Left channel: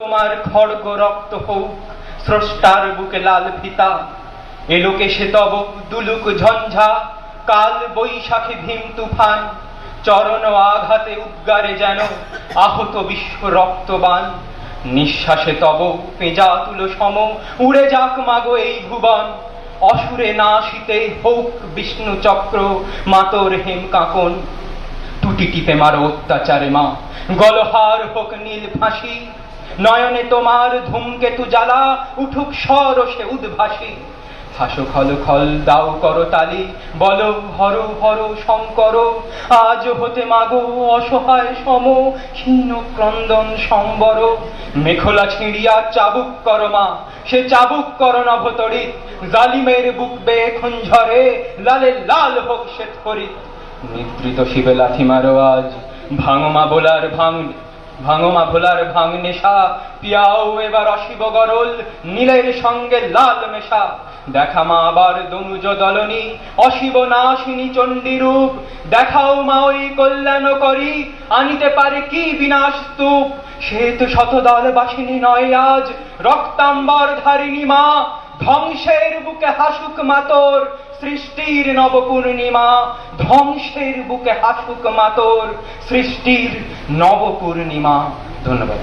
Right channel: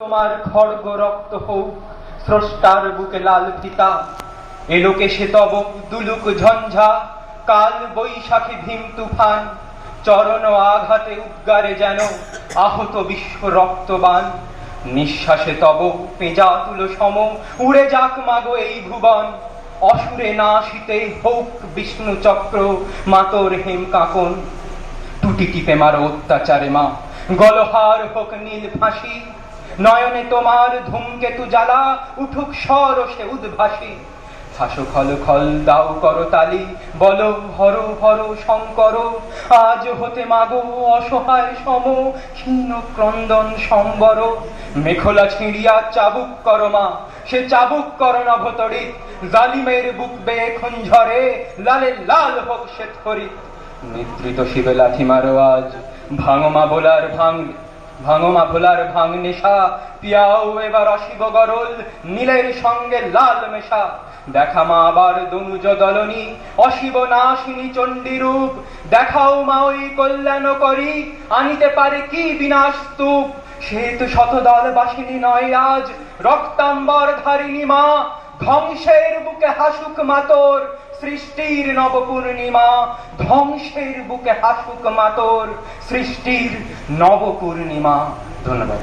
তোমার খড়গ রক্ত হোক স্রষ্টার বুকে লাল পিতা এলোকে সে তব দুলুক ঝঞ্ঝা কাল বৈশাখী ভীম তুফান চরণ আঘাতে উদ্গারে যেন আহত বিশ্ব রক্তবান নিঃশ্বাসে তব পেঁজা তুলো সম উড়ে যাক মাগো এই ভুবন অসুরে নাশিতে হোক বিষ্ণু চক্র মাতর হেম কাঁকন টুটি টিপে মারো অত্যাচারে মা গলহার হোক নীল ফাঁসি নয়নে তোমার ধূমকেতু জ্বালা উঠুক সরসে উদ্ভাসী হাসো খল খল দাও করো তালি বলো হর হর শঙ্কর আজ হতে মাগো অসহায় সম ক্ষীণ ক্রন্দন সম্বর মেখলা ছিঁড়িয়া চাবুক করো মা সে চাবুক করো নভতরিত জালিমের বুক বেয়ে খঞ্ঝরে লালে লাল হোক শ্বেত হরিত নিদ্রিত শিবে লাথি মারো আজ ভাঙমা বোলার ভাঙমা ভোলার ভাঙ নেশা পিয়াও এবার অশিব গরল নীলের সঙ্গে লাল মেশা দেখা মা আবার দনুজ দলনী অশিব নাশিনী চণ্ডী রূপ দেখাও মা ওই কল্যাণ করি আনিতে পারে কি বিনাশ স্তূপ সে তো শতদল বাসিনী নয় আজ রক্তাম্বর ধারিণী মা ধ্বংসের বুকে হাসুক মাতর সৃষ্টির নবপূর্ণিমা ধ্বংসের বুকে হাসুক মাতর সৃষ্টির নবপূর্ণিমা। ধন্যবাদ।